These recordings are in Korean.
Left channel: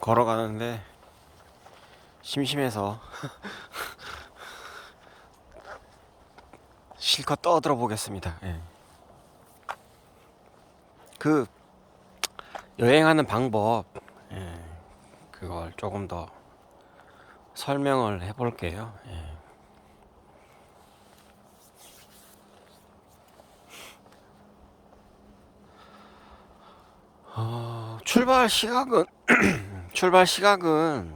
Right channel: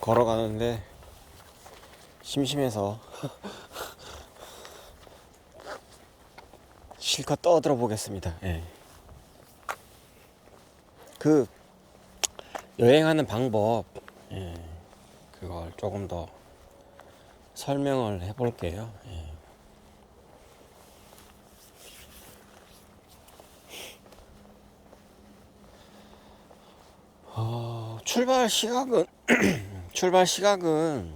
걸어가는데 심심해서 실컷 떠들어 보겠습니다. 예. 그 여행하는 방법, 예, 그걸 조금 더 설명을 해볼게요. 예. 출발 시각은 출발 시각은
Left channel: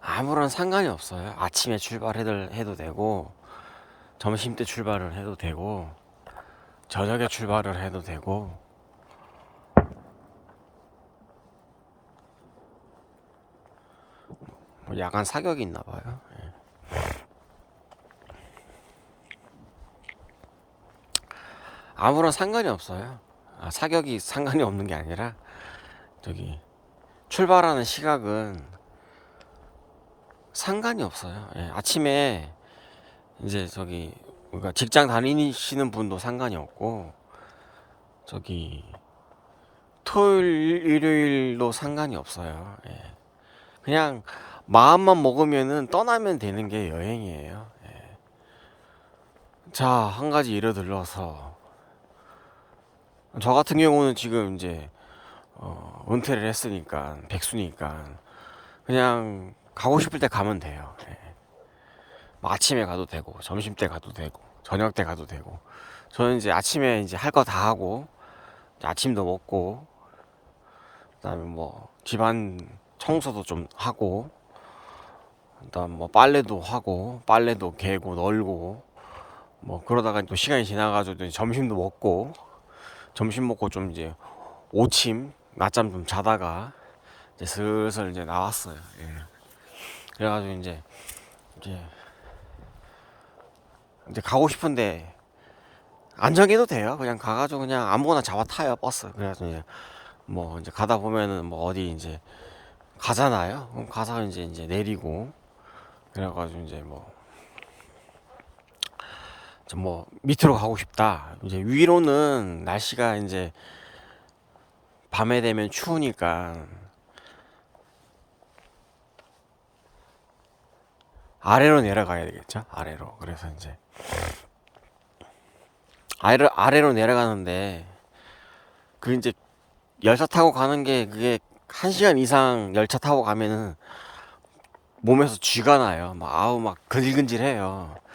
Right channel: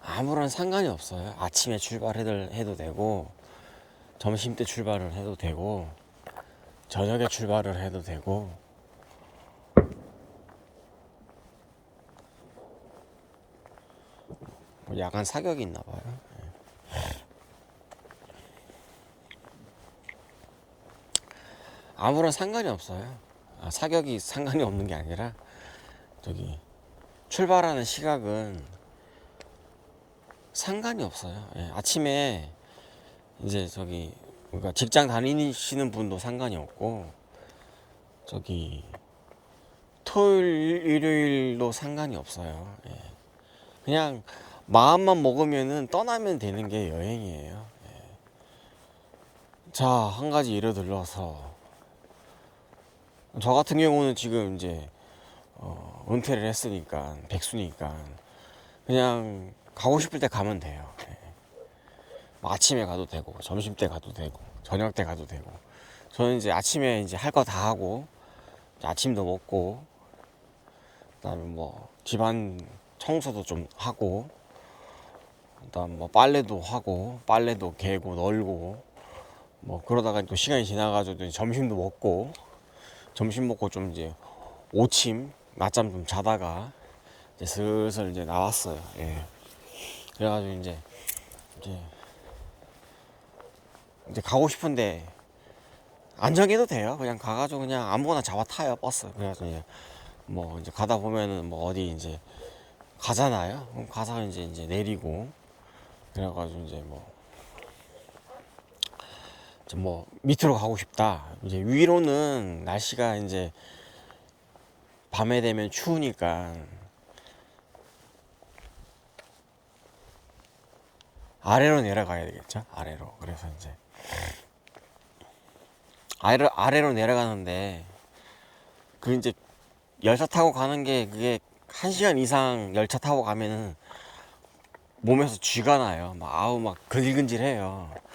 아무런 상관이 없어요. 아침에 출발해도 되고, 점심 때 출발을 해도 되고, 저녁에 출발을 해도 되고. 뭐 약간 사격이 있나 봐요. 아무런 상관이 없어요. 사격이 상관이 없는 게 아니라 저기 출발하는 시각은 상관이 없어요. 예, 아침에 이제 저기 그러니까 직장 다니시는 분도 상관이 없고, 저기 토요일 일요일도 상관이 없어요. 예. 그냥 마음만 먹으면은 떠나면 되는 게 여행이에요. 자, 한 가지 예를 들어서 저 같은 경우는 지금 이제 은퇴를 했으니까 백수니까 그냥 가고 싶을 때 가면 돼요. 예. 뭐 아침에 가도 되고, 점심 때 가도 되고, 저녁 때 가도 되고. 저는 이제 아침에 이제 할 거 다 하고, 아침도 먹고, 그다음에 뭐 집안 청소도 좀 하고, 그다음 뭐 빨래도 하고, 빨래도 개고 널고, 뭐 그러다가 또 시간이 지나가지고 점심도 먹고, 점심 먹고 좀 이제 오침 낮잠 좀 자다가 이제 슬슬 이제 나왔어요. 예. 그래가지고 이제 이제 가고 싶은데 안 정해도 돼요. 그냥 가가지고 그냥 아무거나 잡아 타요, 버스. 그래가지고 이제 뭐 이제 가다 보면은 뭐 어디 이제 가잖아요. 그럼 가서 이제 내리고, 그래가지고 이제 뭐 밑으로 가고 싶다. 이제 위로는 날씨가 이제 밤에 되면 추우니까 아래로 내려가야 되겠죠. 아래로. 그래서 이제 아래로 내려가는데, 그 이제 열차 타고 가는 게 그게 1시간 이상 열차 타고 가면은 몸에서 쥐가 나요. 막 아우 막 근질근질해요.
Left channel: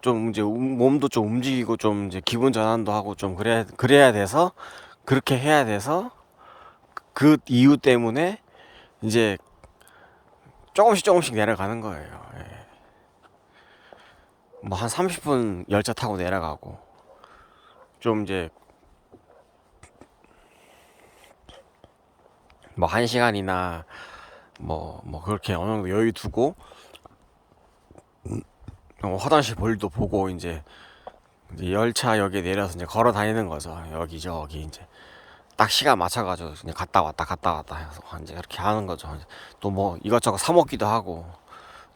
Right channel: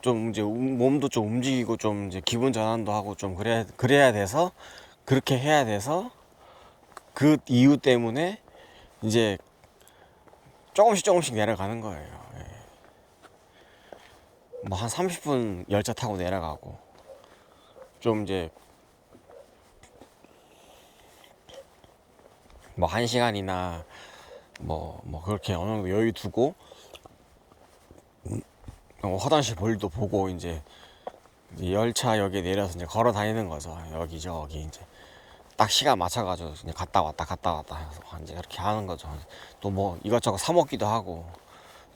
좀 이제 몸도 좀 움직이고 좀 이제 기분 전환도 하고 좀 그래야 돼서, 그렇게 해야 돼서 그 이유 때문에 이제 조금씩 내려가는 거예요. 예. 뭐 한 30분 열차 타고 내려가고, 좀 이제 뭐 1시간이나 뭐 그렇게 어느 정도 여유 두고 화장실 볼일도 보고 이제 열차역에 내려서 이제 걸어 다니는 거죠. 여기저기 이제 딱 시간 맞춰가지고 이제 갔다 왔다 해서 이제 이렇게 하는 거죠. 또 뭐 이것저것 사 먹기도 하고,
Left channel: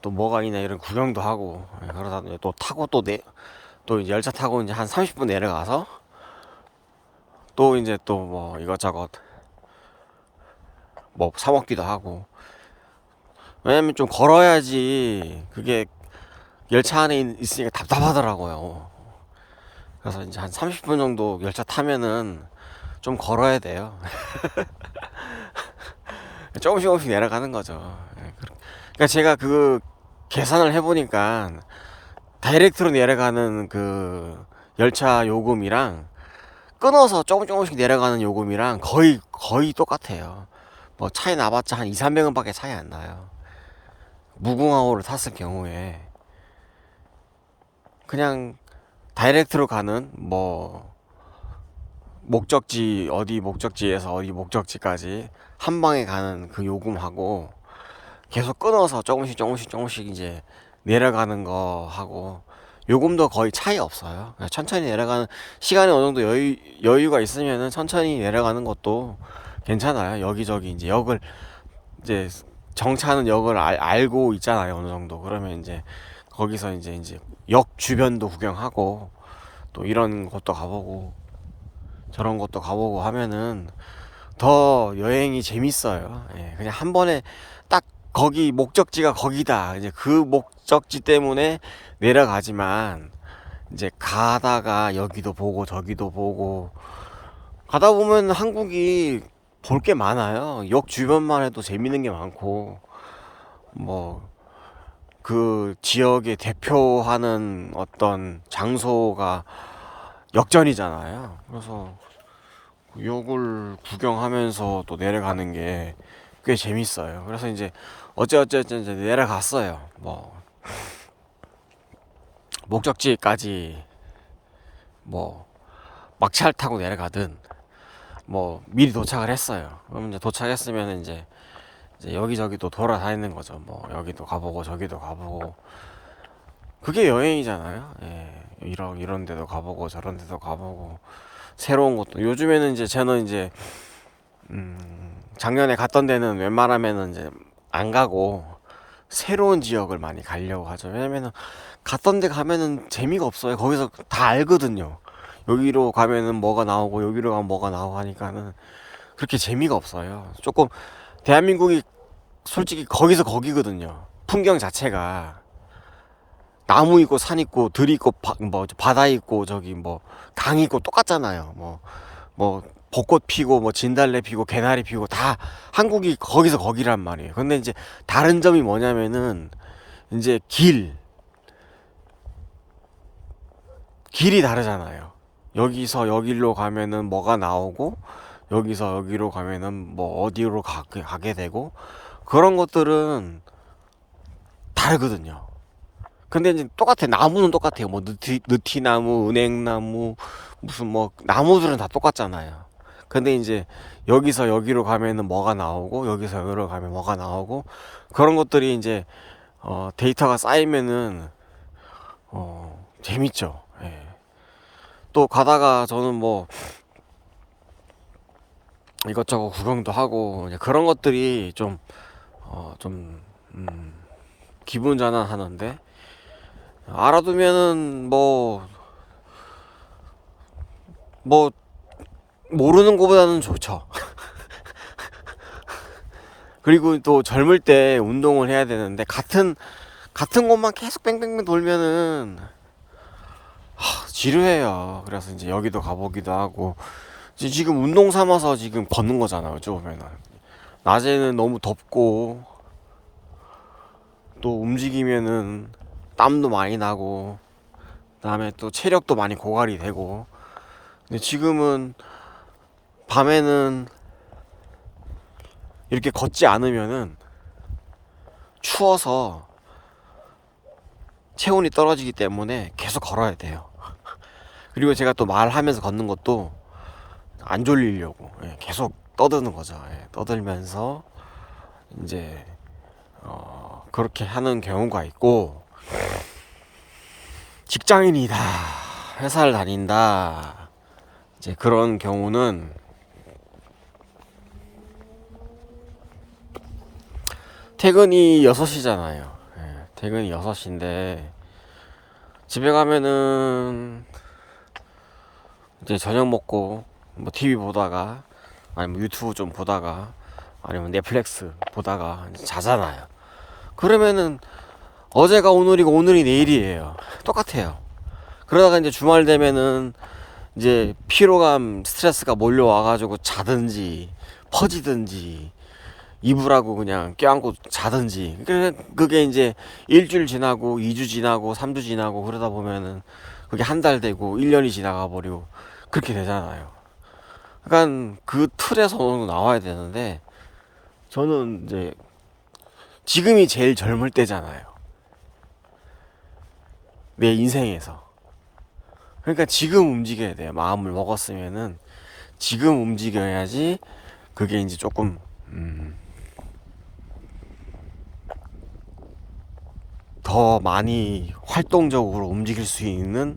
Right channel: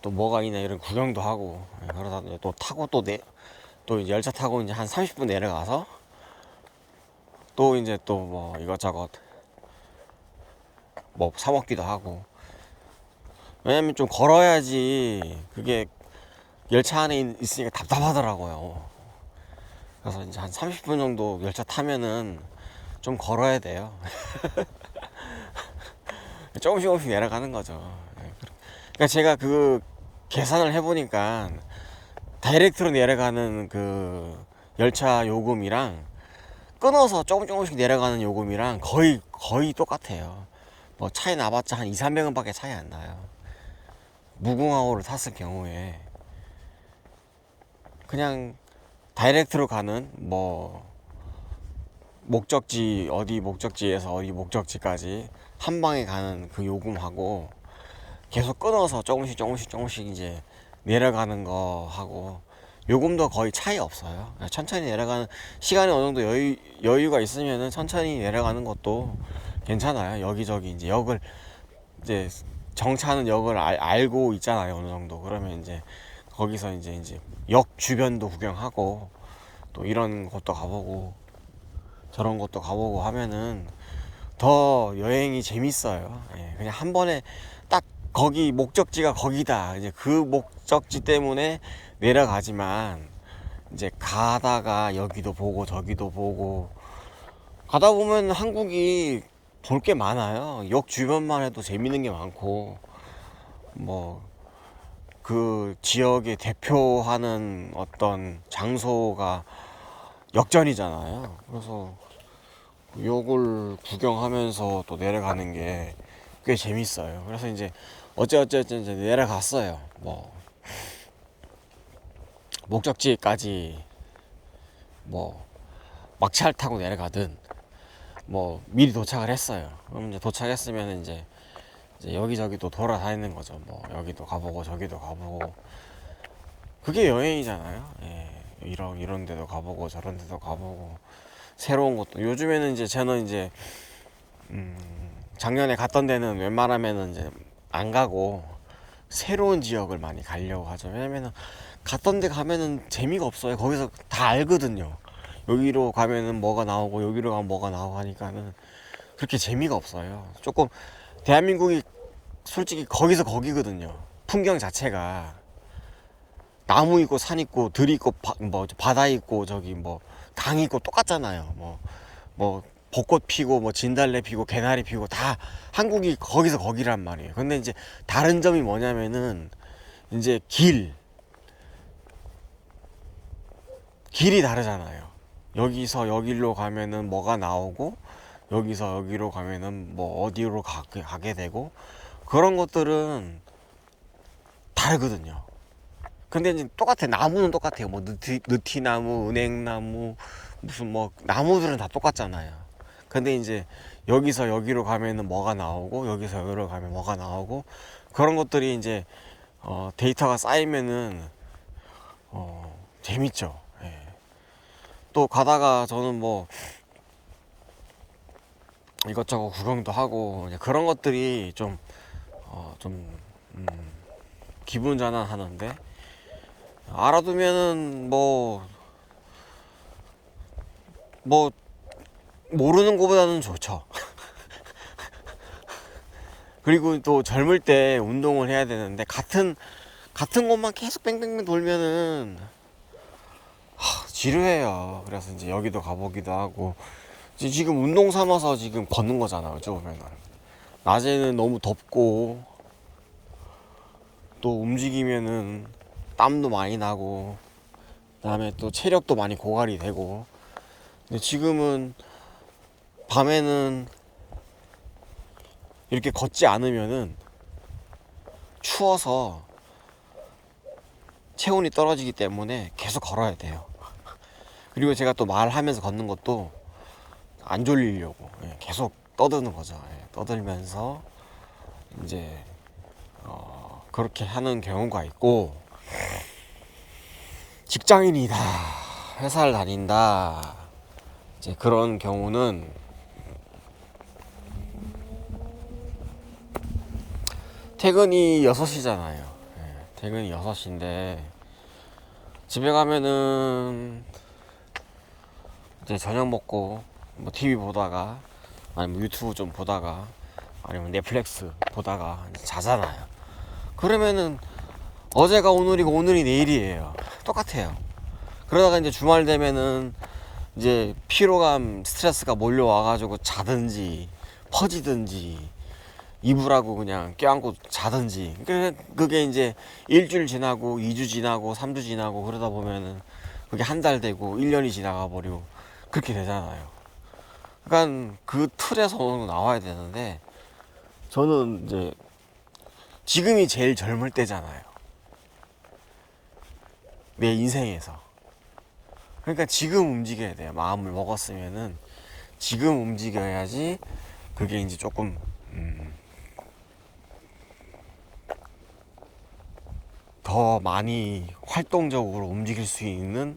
또 뭐가 있나 이런 구경도 하고, 그러다 이제 또 타고 또 이제 열차 타고 이제 한 30분 내려가서 또 이제 또 뭐 이것저것 뭐 사 먹기도 하고. 왜냐면 좀 걸어야지 그게 열차 안에 있으니까 답답하더라고요. 그래서 이제 한 30분 정도 열차 타면은 좀 걸어야 돼요. 조금씩 내려가는 거죠. 그러니까 제가 그 계산을 해보니까 다이렉트로 내려가는 그 열차 요금이랑 끊어서 조금씩 내려가는 요금이랑 거의 똑같아요. 뭐 차이 나봤자 한 2, 300원밖에 차이 안 나요. 무궁화호를 탔을 경우에 그냥 다이렉트로 가는 뭐 목적지에서 어디 목적지까지 한 방에 가는 그 요금하고, 계속 끊어서 조금씩 이제 내려가는 거 하고 요금도 거의 차이 없어요. 천천히 내려가는, 시간이 어느 정도 여유가 있으면은 천천히 내려가는 것도 괜찮아요. 여기저기 이제 역을 이제 정차하는 역을 알고 있잖아요. 어느 정도. 그러면 이제 거기서 이제 역 주변도 구경하고, 또 이런 것도 가보고 저런 것도 가보고 하면은 더 여행이 재밌어요. 예, 그냥 한 번에 딱 거기 목적지가 거기다. 이제 그 목적지 때문에 내려가지만 이제 가다가 여기도 보고 저기도 보고 가다 보면 한국이 볼 게 많아요. 역 주변만 해도 재밌는 게 많고 뭐 그 지역의 대표하는 어떤 장소가 역전이잖아요. 그래서 역을 구경하면서 또 내려가는 게 꽤 재밌어요. 그래서 이제 어찌어찌 이제 내려갔어요. 뭐 목적지까지 뭐 막차를 타고 내려가든 뭐 미리 도착을 했어요. 그럼 이제 도착했으면 이제 여기저기 또 돌아다니는 거죠. 뭐 여기도 가보고 저기도 가보고 그게 여행이잖아요. 예. 이런 데도 가보고 저런 데도 가보고 새로운 것도 요즘에는 이제 저는 이제 작년에 갔던 데는 웬만하면은 이제 안 가고 새로운 지역을 많이 가려고 하죠. 왜냐면은 갔던 데 가면은 재미가 없어요. 거기서 다 알거든요. 여기로 가면은 뭐가 나오고 여기로 가면 뭐가 나오고 하니까는 그렇게 재미가 없어요. 조금 대한민국이 솔직히 거기서 거기거든요. 풍경 자체가 나무 있고 산 있고 들 있고 뭐 바다 있고 저기 뭐 강 있고 똑같잖아요. 뭐 벚꽃 피고 뭐 진달래 피고 개나리 피고 다 한국이 거기서 거기란 말이에요. 근데 이제 다른 점이 뭐냐면은 이제 길이 다르잖아요. 여기서 여기로 가면은 뭐가 나오고 여기서 여기로 가면은 뭐 어디로 가게 되고 그런 것들은 다르거든요. 근데 이제 똑같아. 나무는 똑같아요. 뭐 느티나무, 은행나무, 무슨 뭐 나무들은 다 똑같잖아요. 근데 이제 여기서 여기로 가면은 뭐가 나오고 여기서 여기로 가면 뭐가 나오고 그런 것들이 이제 데이터가 쌓이면은 재밌죠. 예. 또 가다가 저는 뭐 이것저것 구경도 하고 이제 그런 것들이 좀 기분 전환하는데 알아두면은 뭐 모르는 것보다는 좋죠. 그리고 또 젊을 때 운동을 해야 되는데 같은 곳만 계속 뺑뺑뺑 돌면은 지루해요. 그래서 이제 여기도 가보기도 하고 지금 운동 삼아서 지금 걷는 거잖아요. 어찌 보면은 낮에는 너무 덥고 또 움직이면은 땀도 많이 나고 그다음에 또 체력도 많이 고갈이 되고 근데 지금은 밤에는 이렇게 걷지 않으면은 추워서 체온이 떨어지기 때문에 계속 걸어야 돼요. 그리고 제가 또 말하면서 걷는 것도 안 졸리려고 계속 떠드는 거죠. 떠들면서 이제 그렇게 하는 경우가 있고 직장인이다 회사를 다닌다 이제 그런 경우는 퇴근이 6시잖아요. 퇴근이 6시인데 집에 가면은 이제 저녁 먹고 뭐 TV 보다가 아니면 유튜브 좀 보다가 아니면 넷플릭스 보다가 이제 자잖아요. 그러면은 어제가 오늘이고 오늘이 내일이에요. 똑같아요. 그러다가 이제 주말 되면은 이제 피로감 스트레스가 몰려와가지고 자든지 퍼지든지 이불하고 그냥 껴안고 자든지 그게 이제 일주일 지나고 2주 지나고 3주 지나고 그러다 보면은 그게 한 달 되고 1년이 지나가 버리고 그렇게 되잖아요. 그러니까 그 틀에서 나와야 되는데 저는 이제 지금이 제일 젊을 때잖아요. 내 인생에서. 그러니까 지금 움직여야 돼요. 마음을 먹었으면은 지금 움직여야지 그게 이제 조금 더 많이 활동적으로 움직일 수 있는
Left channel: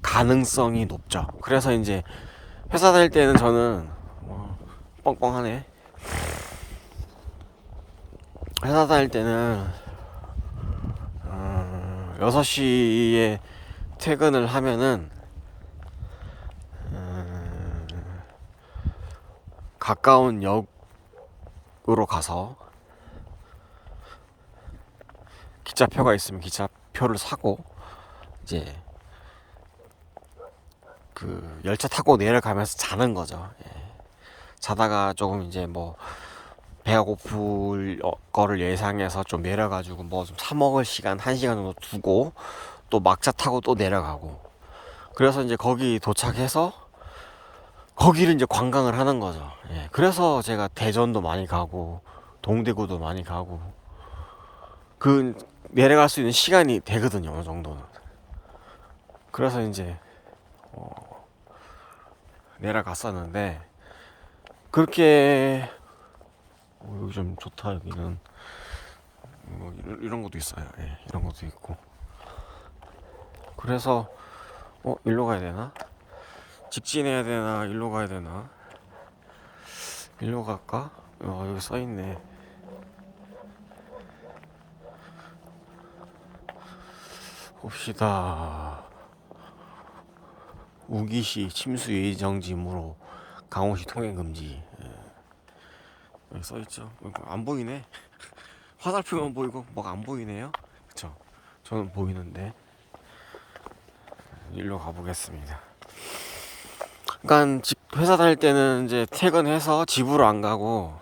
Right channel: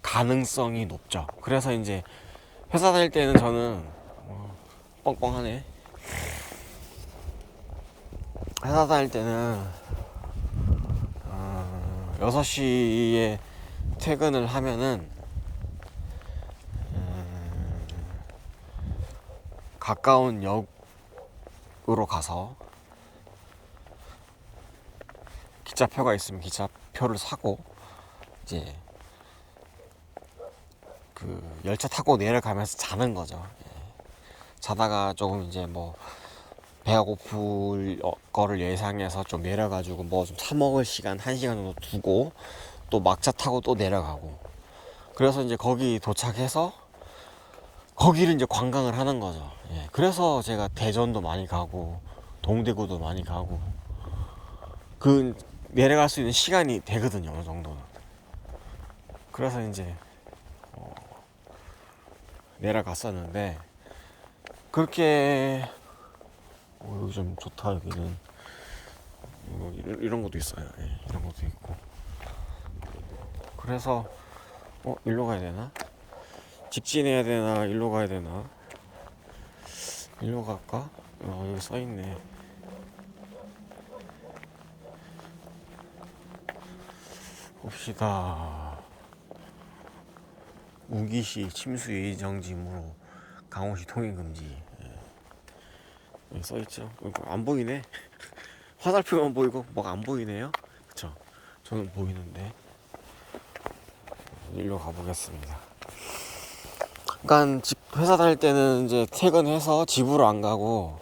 가능성이 높죠. 그래서 이제 회사 다닐 때는 저는 뻥뻥하네. 회사 다닐 때는 6시에 퇴근을 하면은 가까운 역으로 가서 기차표가 있으면 기차표를 사고 이제 그 열차 타고 내려가면서 자는 거죠. 예. 자다가 조금 이제 뭐 배가 고플 거를 예상해서 좀 내려가지고 뭐 좀 사 먹을 시간 1시간 정도 두고 또 막차 타고 또 내려가고, 그래서 이제 거기 도착해서 거기를 이제 관광을 하는 거죠. 예. 그래서 제가 대전도 많이 가고 동대구도 많이 가고 그 내려갈 수 있는 시간이 되거든요, 어느 정도는. 그래서 이제 내려갔었는데 그렇게 여기 좀 좋다. 여기는 이런 것도 있어요. 예, 이런 것도 있고. 그래서 일로 가야 되나? 직진해야 되나? 일로 가야 되나? 일로 갈까? 여기 써 있네. 봅시다. 우기시 침수 예정지무로 강원시 통행 금지. 여기 써 있죠. 안 보이네. 화살표만 보이고 뭐가 안 보이네요. 그쵸? 저는 보이는데. 일로 가보겠습니다. 그러니까 회사 다닐 때는 이제 퇴근해서 집으로 안 가고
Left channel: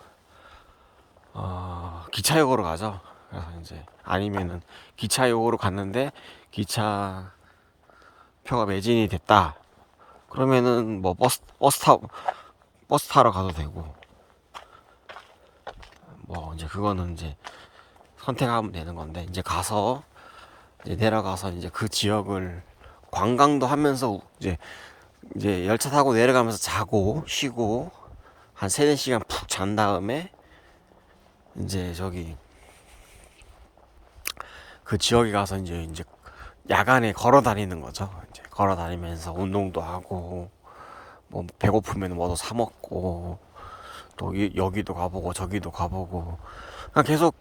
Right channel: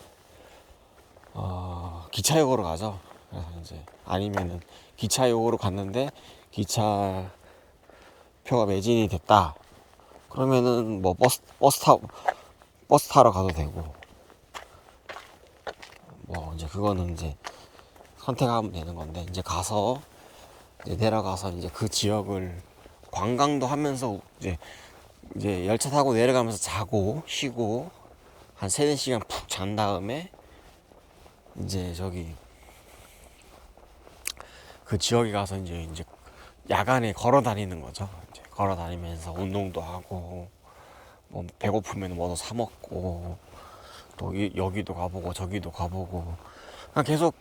기차역으로 가죠. 그래서 이제 아니면은 기차역으로 갔는데 기차 표가 매진이 됐다. 그러면은 뭐 버스 타러 가도 되고, 뭐 이제 그거는 이제 선택하면 되는 건데, 이제 가서 이제 내려가서 이제 그 지역을 관광도 하면서 이제 열차 타고 내려가면서 자고 쉬고 한 3-4시간 푹 잔 다음에 이제 저기 그 지역에 가서 이제 야간에 걸어 다니는 거죠. 이제 걸어 다니면서 운동도 하고 뭐 배고프면 뭐도 사 먹고 또 여기도 가보고 저기도 가보고, 그냥 계속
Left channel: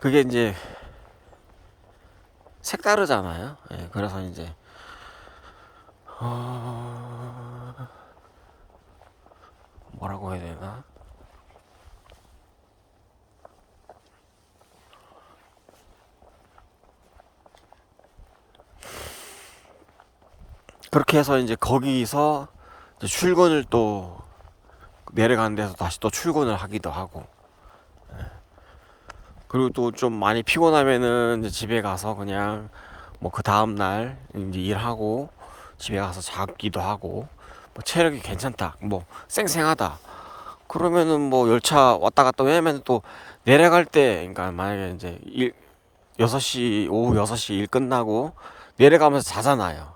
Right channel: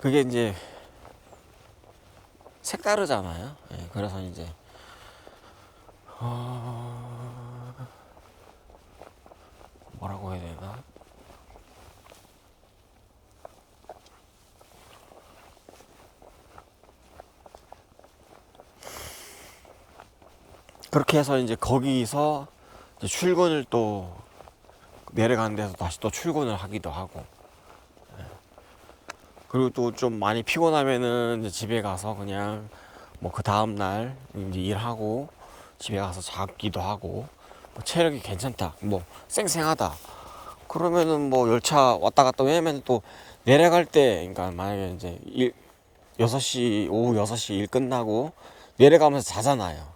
그게 이제 색다르잖아요. 예, 그래서 이제 뭐라고 해야 되나? 그렇게 해서 이제 거기서 이제 출근을 또 내려가는 데서 다시 또 출근을 하기도 하고, 그리고 또 좀 많이 피곤하면은 이제 집에 가서 그냥 뭐 그 다음날 이제 일하고 집에 가서 자기도 하고, 뭐 체력이 괜찮다, 뭐 쌩쌩하다, 그러면은 뭐 열차 왔다 갔다, 왜냐면 또 내려갈 때, 그러니까 만약에 이제 6시, 오후 6시 일 끝나고 내려가면서 자잖아요.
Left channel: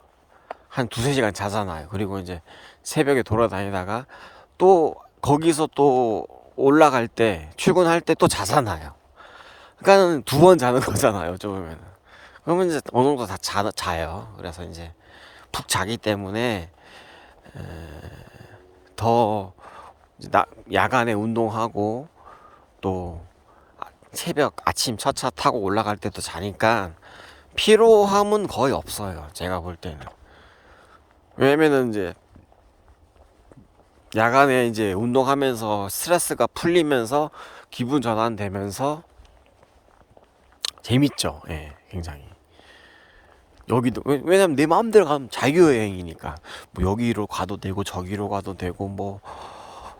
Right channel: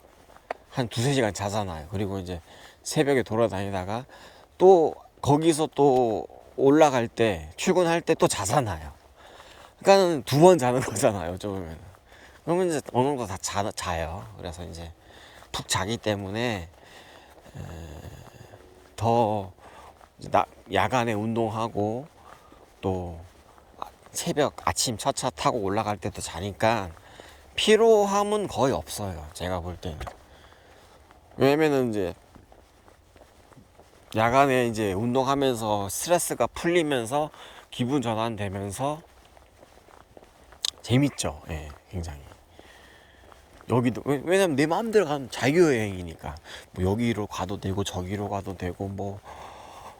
한 2-3시간 자잖아요. 그리고 이제 새벽에 돌아다니다가 또 거기서 또 올라갈 때 출근할 때 또 자잖아요. 그러니까는 2번 자는 거잖아요, 어쩌면. 그러면 이제 어느 정도 다 자요. 그래서 이제 푹 자기 때문에 더 야간에 운동하고 또 새벽 아침 첫 차 타고 올라갈 때도 자니까 피로함은 거의 없어요, 제가 볼 때는. 왜냐면은 이제 야간에 이제 운동하면서 스트레스가 풀리면서 기분 전환되면서 재밌죠. 예, 굉장히. 여기도 왜냐면 내 마음대로 가면 자유여행이니까 뭐 여기로 가도 되고 저기로 가도 되고, 뭐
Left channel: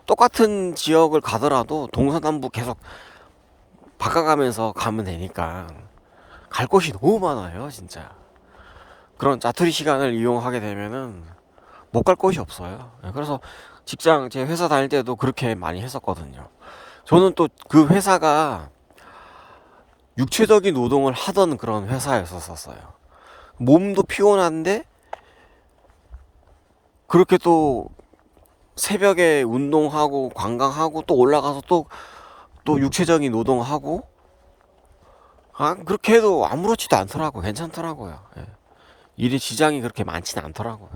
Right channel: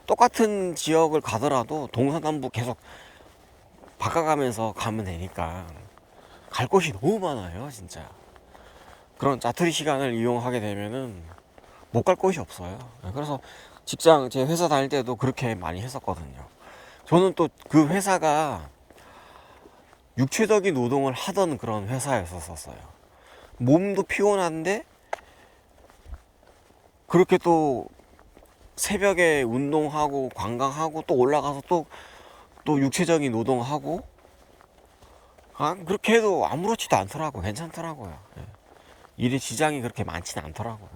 똑같은 지역을 가더라도 동서남북 계속 바꿔가면서 가면 되니까 갈 곳이 너무 많아요, 진짜. 그런 짜투리 시간을 이용하게 되면은 못 갈 곳이 없어요. 예, 그래서 제 회사 다닐 때도 그렇게 많이 했었거든요. 저는 또 그 회사가 육체적인 노동을 하던 그런 회사였었어요. 몸도 피곤한데 그렇게 또 새벽에 운동하고 관광하고 또 올라가서 또 육체적인 노동하고, 그렇게 해도 아무렇지도 않더라고. 괜찮더라고요. 예. 일에 지장이 그렇게 많지는 않더라고요.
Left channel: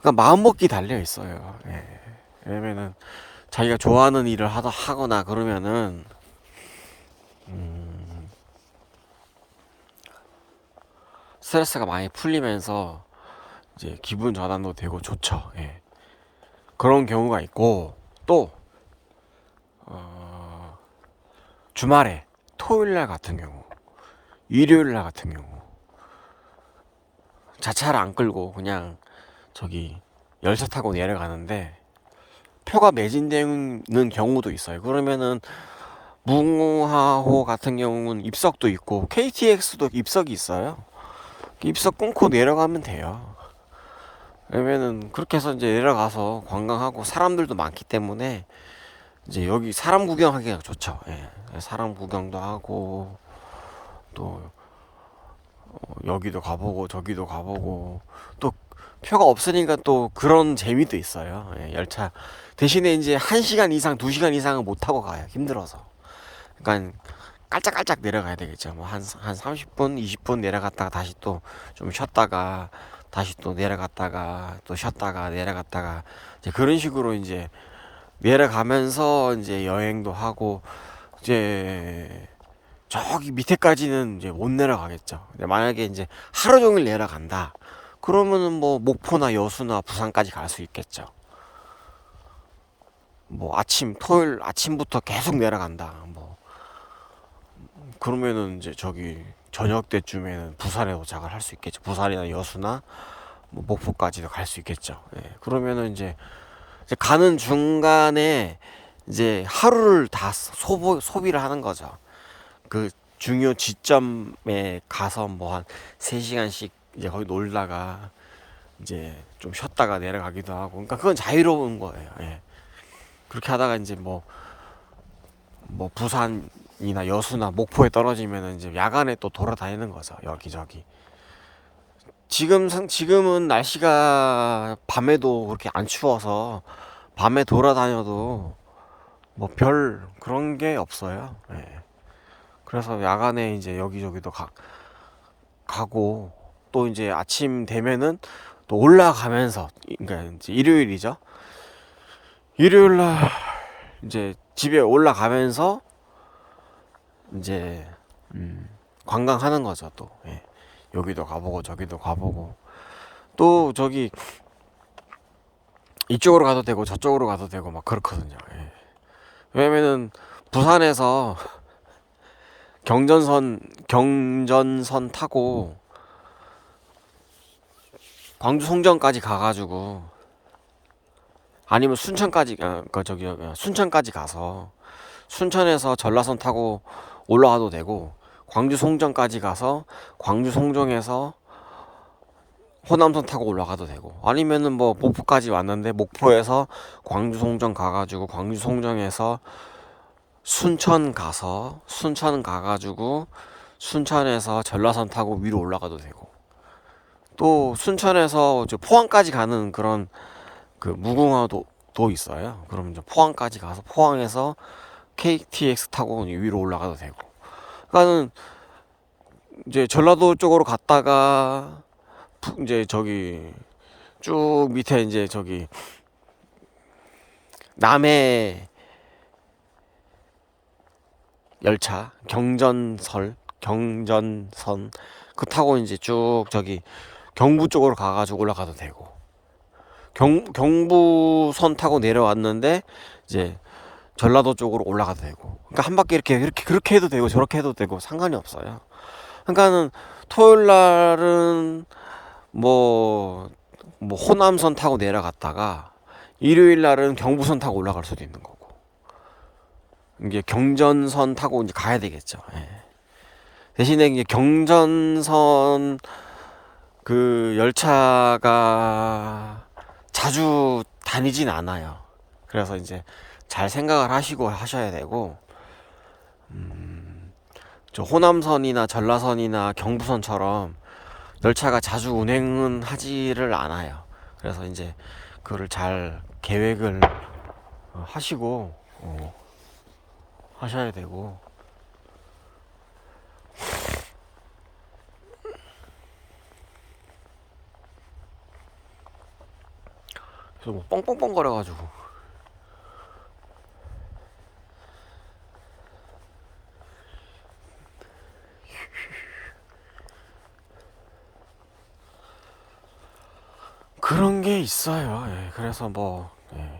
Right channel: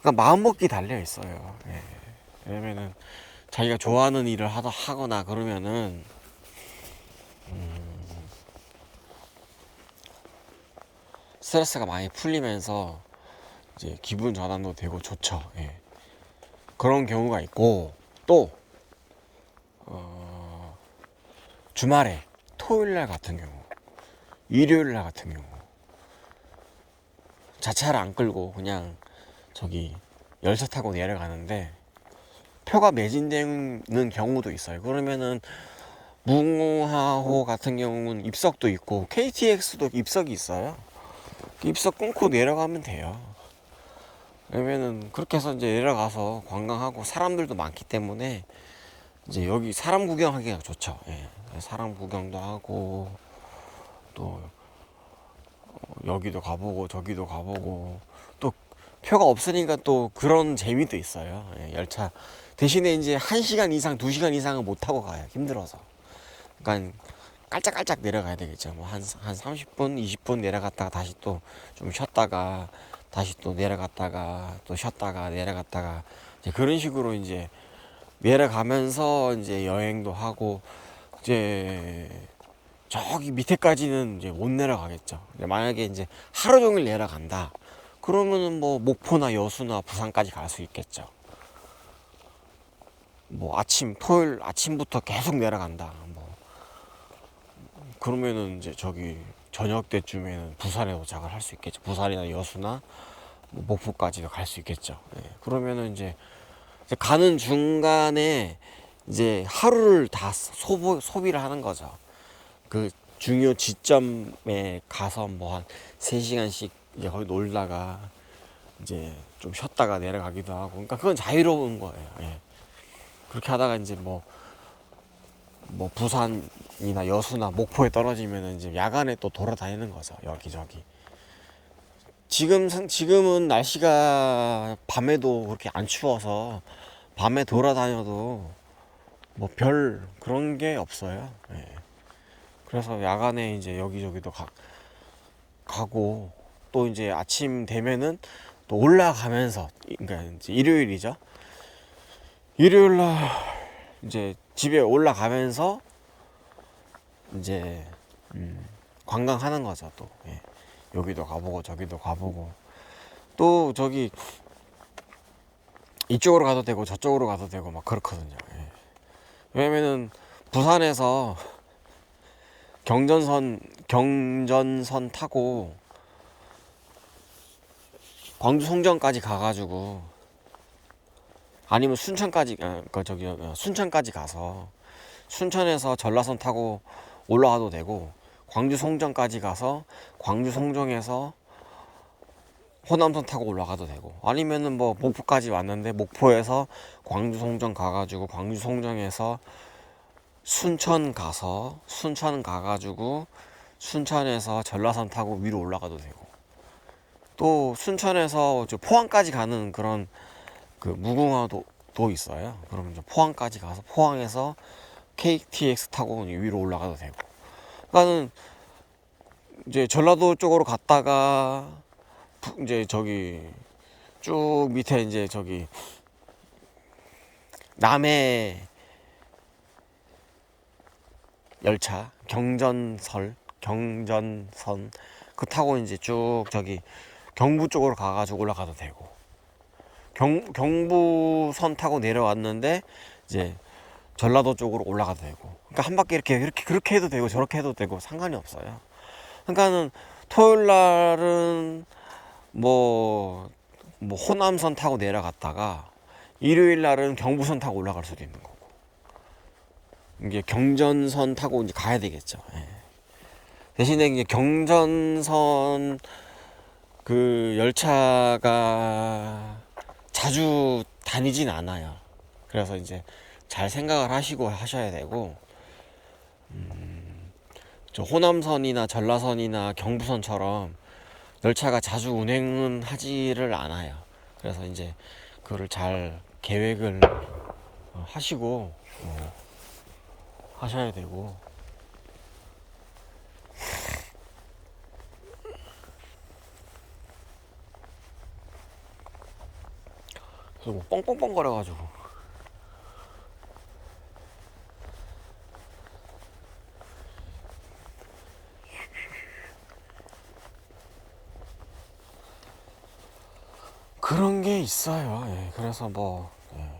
그러니까 마음먹기 달려 있어요. 예. 왜냐면은 자기가 좋아하는 일을 하거나 그러면은 스트레스가 많이 풀리면서 이제 기분 전환도 되고 좋죠. 예. 그런 경우가 있고, 또 주말에 토요일날 같은 경우, 일요일날 같은 경우 자차를 안 끌고 그냥 저기 열차 타고 내려가는데 표가 매진되는 경우도 있어요. 그러면은 무궁화호 같은 경우는 입석도 있고 KTX도 입석이 있어요. 입석 끊고 내려가면 돼요. 왜냐면은 그렇게 해서 이제 내려가서 관광하고 사람들도 많기 때문에 이제 여기 사람 구경하기가 좋죠. 예. 사람 구경도 하고 또 여기도 가보고 저기도 가보고 또 표가 없으니까 또 그런 재미도 있어요. 예, 열차 대신에 이제 1시간 이상 2시간 이상은 못 타고 가요. 힘들어서. 그러니까 깔짝깔짝 내려가야 되겠죠. 뭐 한 30분 20분 내려갔다가 다시 또 좀 쉬었다가 다시 또 내려갔다가 또 쉬었다가 내려갔다가 이제 그런 식으로 이제 내려가면서 이제 여행도 하고 이제 저기 밑에까지는 이제 못 내려가겠죠. 만약에 이제 하루 종일 내려간다. 그러면은 뭐 목포나 여수나 부산까지 갈 수 있겠죠. 뭐 토요일 아침부터 계속 내려간다. 뭐 그러면은 이제 저기 저녁 때쯤에는 부산에 도착을 할 수 있겠죠. 부산이나 여수나 뭐 목포까지도 갈 수 있겠죠. 예. 그러면은 이제 가는 중간에 이제 하루를 다 소비를 하는 거죠. 그 중요 지점에 가서 뭐 한 3시간씩 이제 거기 놀다가 이제 좀 쉬었다가 내려가기도 하고. 그러니까 그건 자유로운 거예요. 예. 그렇게 하다가 이제 뭐 부산이나 여수나 목포에 떨어지면 이제 야간에 또 돌아다니는 거죠. 여기저기. 지금은 날씨가 밤에도 그렇게 안 추워서 밤에 돌아다녀도 뭐 별 그런 게 없어요. 예. 그래서 야간에 이제 여기저기도 가고 또 이제 아침 되면은 또 올라가면서 그러니까 이제 일요일이죠. 일요일 날 이제 집에 올라가면서 이제 관광하는 거죠. 또 예. 여기도 가보고 저기도 가보고 또 저기 이쪽으로 가도 되고 저쪽으로 가도 되고 막 그렇거든요. 예. 왜냐면은 부산에서 경전선 타고 광주 송정까지 가가지고 아니면 순천까지 가서 순천에서 전라선 타고 올라가도 되고 광주 송정까지 가서 광주 송정에서 호남선 타고 올라가도 되고 아니면은 뭐 목포까지 왔는데 목포에서 광주 송정 가가지고 광주 송정에서 순천 가가지고 순천에서 전라선 타고 위로 올라가도 되고 또 순천에서 포항까지 가는 그런 그 무궁화도 있어요. 그럼 이제 포항까지 가서 포항에서 KTX 타고 위로 올라가도 되고. 그러니까는 이제 전라도 쪽으로 갔다가 이제 저기 쭉 밑에 이제 저기 남해 열차 경전선 그 타고 이제 쭉 저기 경부 쪽으로 가가지고 올라가도 되고 경부선 타고 내려왔는데 이제 전라도 쪽으로 올라가도 되고 그러니까 한 바퀴 이렇게 그렇게 해도 되고 저렇게 해도 되고 상관이 없어요. 그러니까는 토요일 날은 뭐 호남선 타고 내려갔다가 일요일 날은 경부선 타고 올라갈 수도 있는 거고 이게 경전선 타고 이제 가야 되겠죠. 예. 대신에 이제 경전선 그 열차가 자주 다니진 않아요. 그래서 이제 잘 생각을 하시고 하셔야 되고, 저 호남선이나 전라선이나 경부선처럼 열차가 자주 운행은 하지를 않아요. 그래서 이제 그거를 잘 계획을 하시고 하셔야 되고. 그리고 뻥뻥뻥 거려가지고 그런 게 있어요. 예, 그래서 뭐 예.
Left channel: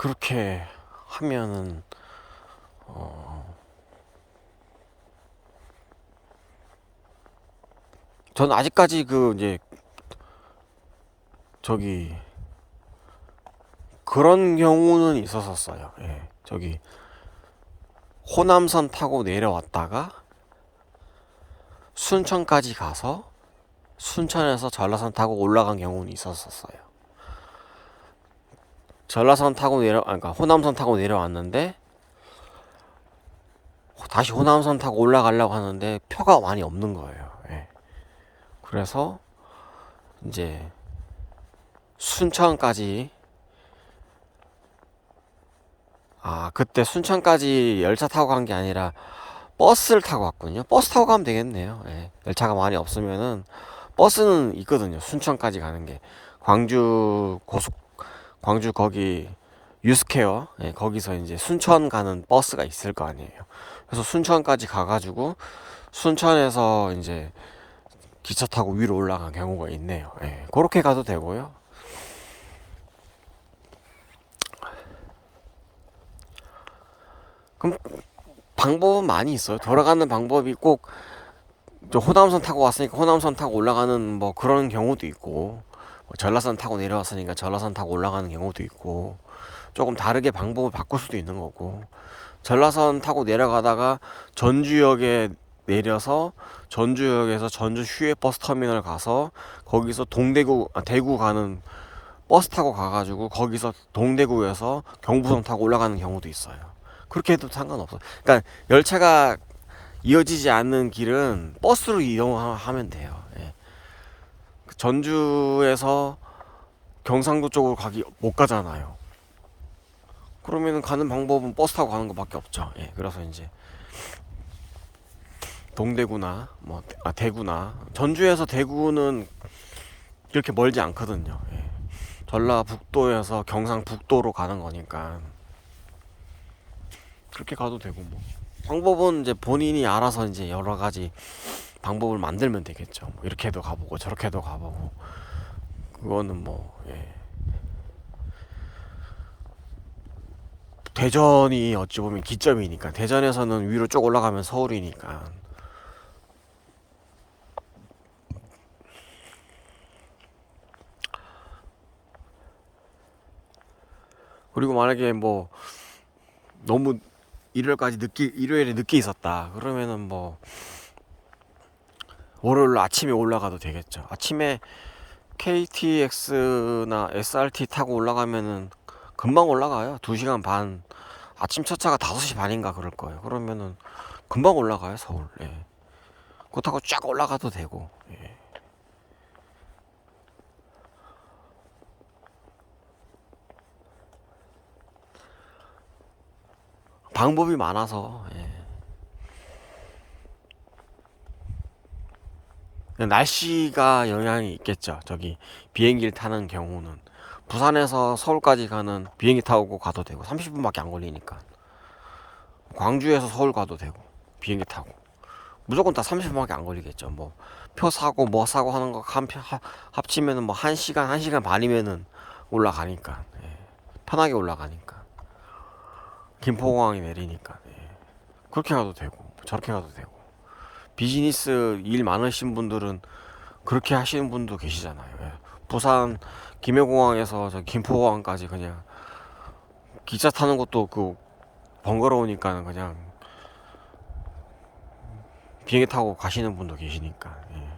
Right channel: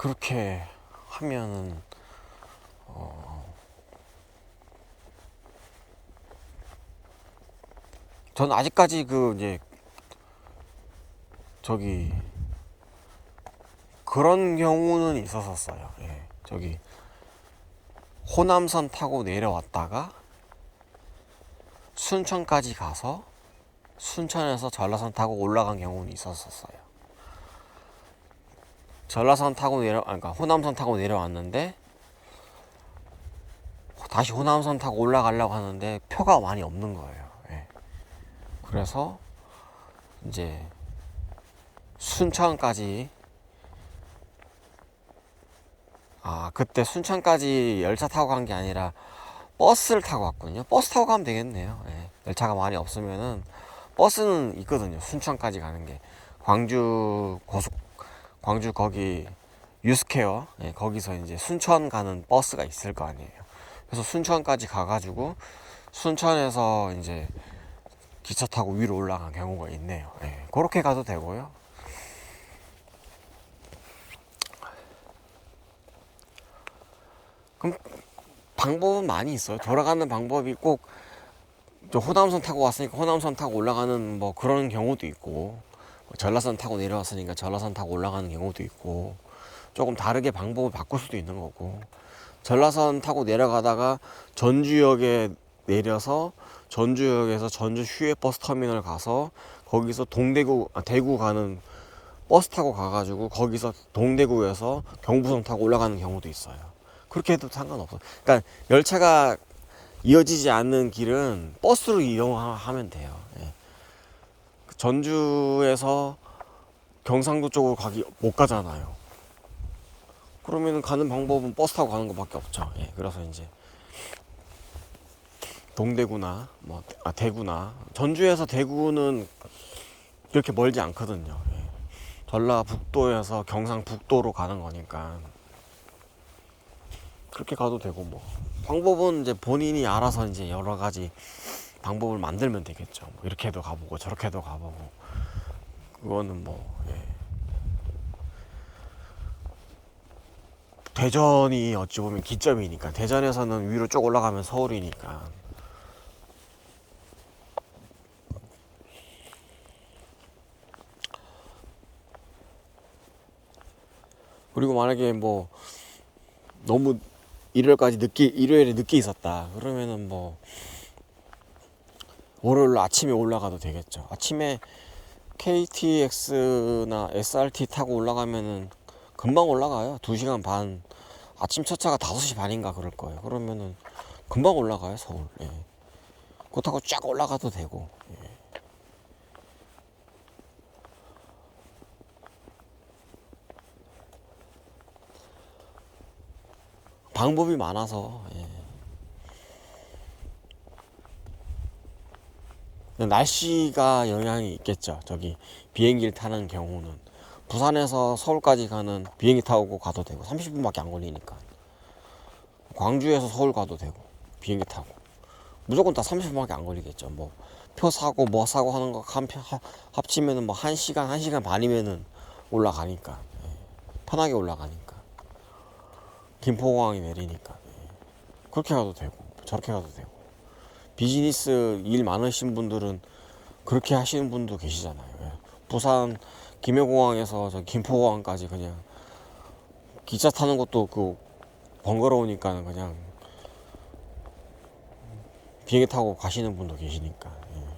그렇게 하면은 저는 아직까지 그 이제 저기 그런 경우는 있었었어요. 예. 저기 호남선 타고 내려왔다가 순천까지 가서 순천에서 전라선 타고 올라간 경우는 있었었어요. 전라선 타고 그러니까 호남선 타고 내려왔는데 다시 호남선 타고 올라가려고 하는데 표가 많이 없는 거예요. 예. 그래서 이제 순천까지 그때 순천까지 열차 타고 간 게 아니라 버스를 타고 갔군요. 버스 타고 가면 되겠네요. 예. 열차가 많이 없으면은 버스는 있거든요. 순천까지 가는 게 광주 거기 유스케어, 예, 거기서 이제 순천 가는 버스가 있을 거 아니에요. 그래서 순천까지 가가지고 순천에서 이제 기차 타고 위로 올라간 경우가 있네요. 예, 그렇게 가도 되고요. 그럼 방법은 많이 있어요. 돌아가는 방법이 꼭 호남선 타고 왔으니까 호남선 타고 올라가는 뭐 그런 경우도 있고, 전라선 타고 내려왔으니까 전라선 타고 올라가는 경우도 있고, 조금 다르게 방법을 바꿀 수도 있는 거고, 전라선 타고 내려가다가 전주역에 내려서 전주역에서 전주 휴게 버스 터미널 가서 거기서 대구 가는 버스 타고 가가지고 거기서 동대구에서 경부선 타고 올라가는 경우도 있어요. 그렇게 해도 상관없어. 그러니까 열차가 이어지지 않는 길은 버스로 이동하면 돼요. 예. 전주에서 경상도 쪽으로 못 가잖아요. 그러면은 가는 방법은 버스 타고 가는 것밖에 없죠. 예. 그래서 이제 동대구나 대구나 전주에서 대구는 그렇게 멀지 않거든요. 예. 전라북도에서 경상북도로 가는 거니까 그렇게 가도 되고, 뭐 방법은 이제 본인이 알아서 이제 여러 가지 방법을 만들면 되겠죠. 이렇게도 가보고 저렇게도 가보고, 그거는 뭐 예. 대전이 어찌 보면 기점이니까, 대전에서는 위로 쭉 올라가면 서울이니까. 그리고 만약에 뭐 너무 일요일에 늦게 있었다 그러면은 뭐 월요일 아침에 올라가도 되겠죠. 아침에 KTX나 SRT 타고 올라가면은 금방 올라가요. 2시간 반. 아침 첫 차가 5시 반인가 그럴 거예요. 그러면은 금방 올라가요, 서울. 예. 그거 타고 쫙 올라가도 되고. 예. 방법이 많아서. 예. 날씨가 영향이 있겠죠. 저기 비행기를 타는 경우는 부산에서 서울까지 가는 비행기 타고 가도 되고 30분밖에 안 걸리니까. 광주에서 서울 가도 되고 비행기 타고 무조건 다 30분밖에 안 걸리겠죠. 뭐 표 사고 뭐 사고 하는 거 합치면은 뭐 1시간 반이면은 올라가니까. 예. 편하게 올라가니까. 김포공항에 내리니까. 예. 그렇게 가도 되고 저렇게 가도 되고, 비즈니스 일 많으신 분들은 그렇게 하시는 분도 계시잖아요. 예. 부산 김해공항에서 저 김포공항까지 그냥 기차 타는 것도 번거로우니까 그냥 비행기 타고 가시는 분도 계시니까. 예.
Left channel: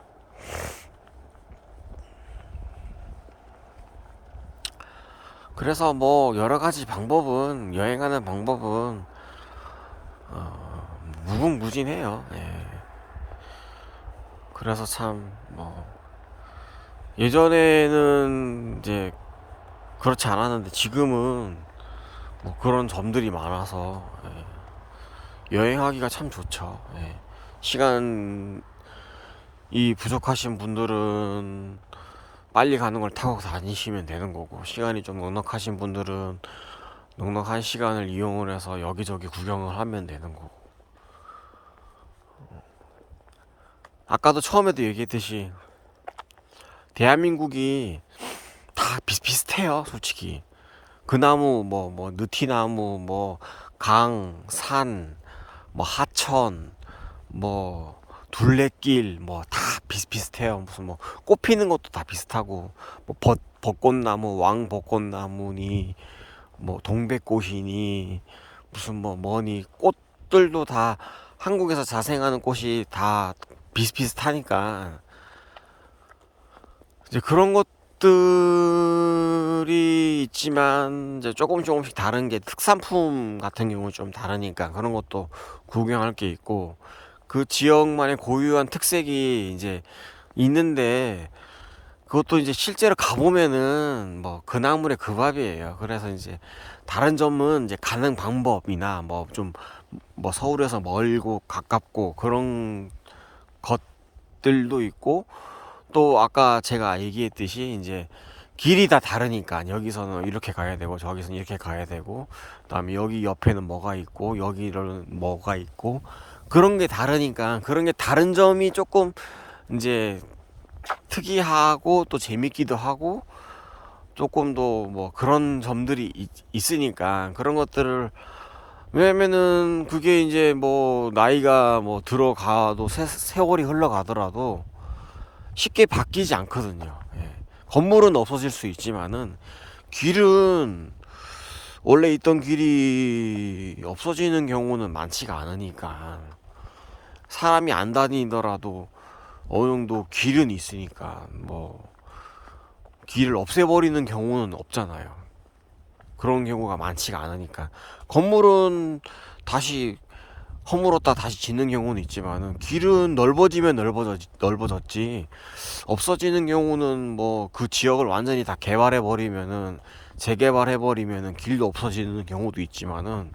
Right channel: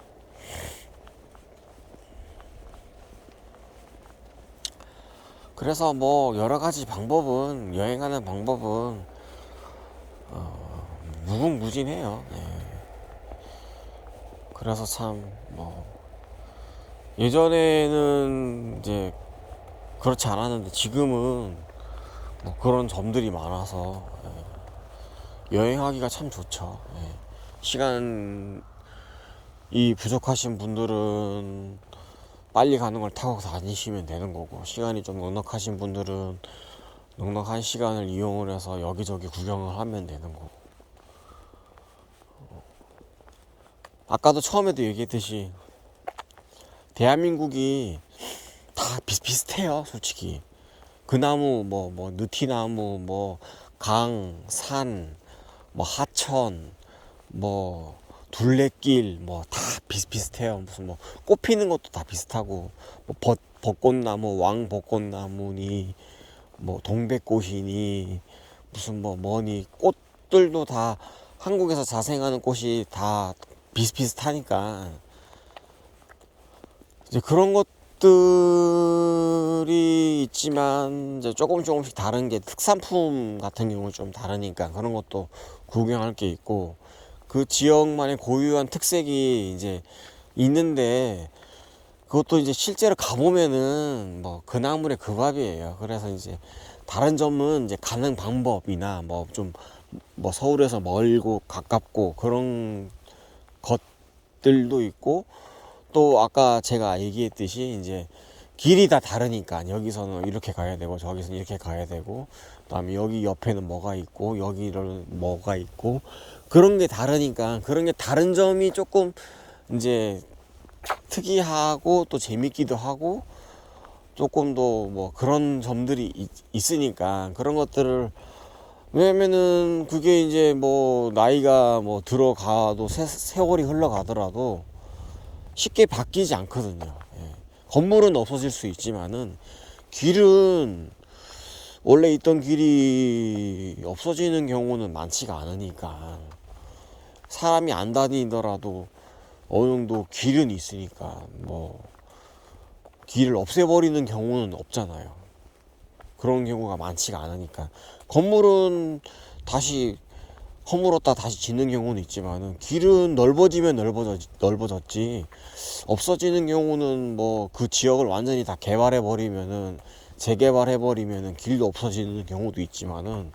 그래서 뭐 여러 가지 방법은, 여행하는 방법은 무궁무진해요. 예. 그래서 참 뭐 예전에는 이제 그렇지 않았는데 지금은 뭐 그런 점들이 많아서 여행하기가 참 좋죠. 예. 시간이 부족하신 분들은 빨리 가는 걸 타고 다니시면 되는 거고, 시간이 좀 넉넉하신 분들은 넉넉한 시간을 이용을 해서 여기저기 구경을 하면 되는 거고. 아까도 처음에도 얘기했듯이 대한민국이 다 비슷비슷해요, 솔직히. 그 나무 뭐 느티나무 뭐 강, 산, 뭐 하천, 뭐 둘레길 뭐 다 비슷비슷해요. 무슨 뭐 꽃 피는 것도 다 비슷하고 뭐 벚꽃나무 왕벚꽃나무니 뭐 동백꽃이니 무슨 뭐 뭐니 꽃들도 다 한국에서 자생하는 꽃이 다 비슷비슷하니까 이제 그런 것들이 있지만 이제 조금씩 다른 게 특산품 같은 경우는 좀 다르니까 그런 것도 구경할 게 있고 그 지역만의 고유한 특색이 이제 있는데 그것도 이제 실제로 가보면은 뭐 그 나물의 그 밥이에요. 그래서 이제 다른 점은 이제 가는 방법이나 뭐 좀 뭐 서울에서 멀고 가깝고 그런 것들도 있고 또 아까 제가 얘기했듯이 이제 길이 다 다르니까 여기서는 이렇게 가야 되고 저기서는 이렇게 가야 되고 그다음에 여기 옆에는 뭐가 있고 여기는 뭐가 있고 그런 게 다르니까 그런 게 다른 점이 조금 이제 특이하고 또 재밌기도 하고 조금 더 뭐 그런 점들이 있으니까 그런 것들을 왜냐면은 그게 이제 뭐 나이가 뭐 들어가도 세월이 흘러가더라도 쉽게 바뀌지 않거든요. 예. 건물은 없어질 수 있지만은 길은 원래 있던 길이 없어지는 경우는 많지가 않으니까 사람이 안 다니더라도 어느 정도 길은 있으니까 뭐 길을 없애버리는 경우는 없잖아요. 그런 경우가 많지가 않으니까 건물은 다시 허물었다 다시 짓는 경우는 있지만은 길은 넓어졌지 없어지는 경우는 뭐 그 지역을 완전히 다 개발해 버리면은 재개발해 버리면은 길도 없어지는 경우도 있지만은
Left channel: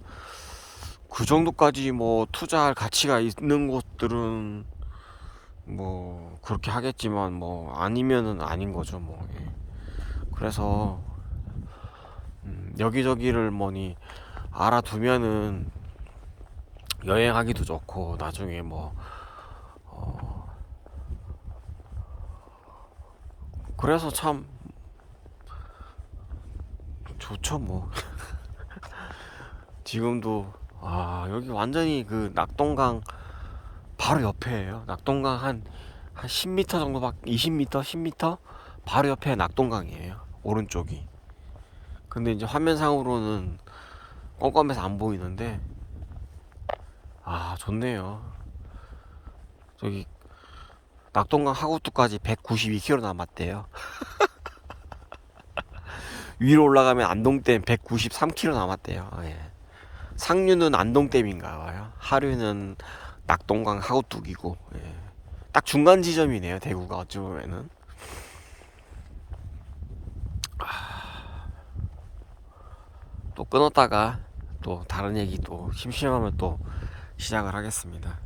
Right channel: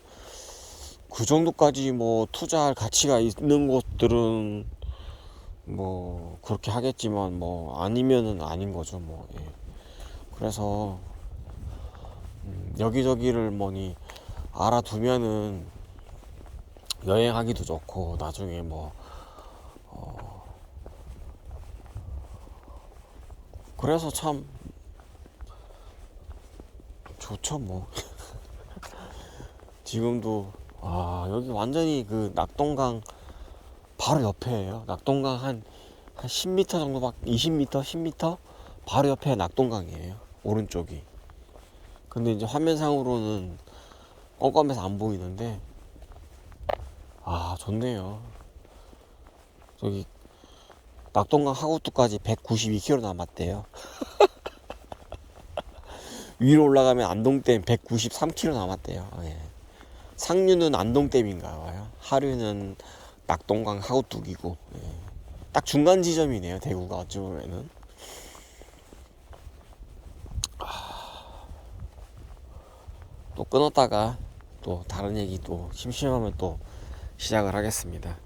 그 정도까지 뭐 투자할 가치가 있는 곳들은 뭐 그렇게 하겠지만 뭐 아니면은 아닌 거죠 뭐. 예. 그래서 여기저기를 뭐니 알아두면은 여행하기도 좋고 나중에 뭐 그래서 참 좋죠 뭐. 지금도 여기 완전히 그 낙동강 바로 옆에예요. 낙동강 한 10m 정도밖에 20m 10m 바로 옆에 낙동강이에요. 오른쪽이. 근데 이제 화면상으로는 껌껌해서 안 보이는데 좋네요. 저기 낙동강 하구뚜까지 192km 남았대요. 위로 올라가면 안동댐 193km 남았대요. 예. 상류는 안동댐인가 봐요. 하류는 낙동강 하구뚝이고 예. 딱 중간 지점이네요. 대구가 어찌 보면은 또 끊었다가 또 다른 얘기 또 심심하면 또 시작을 하겠습니다.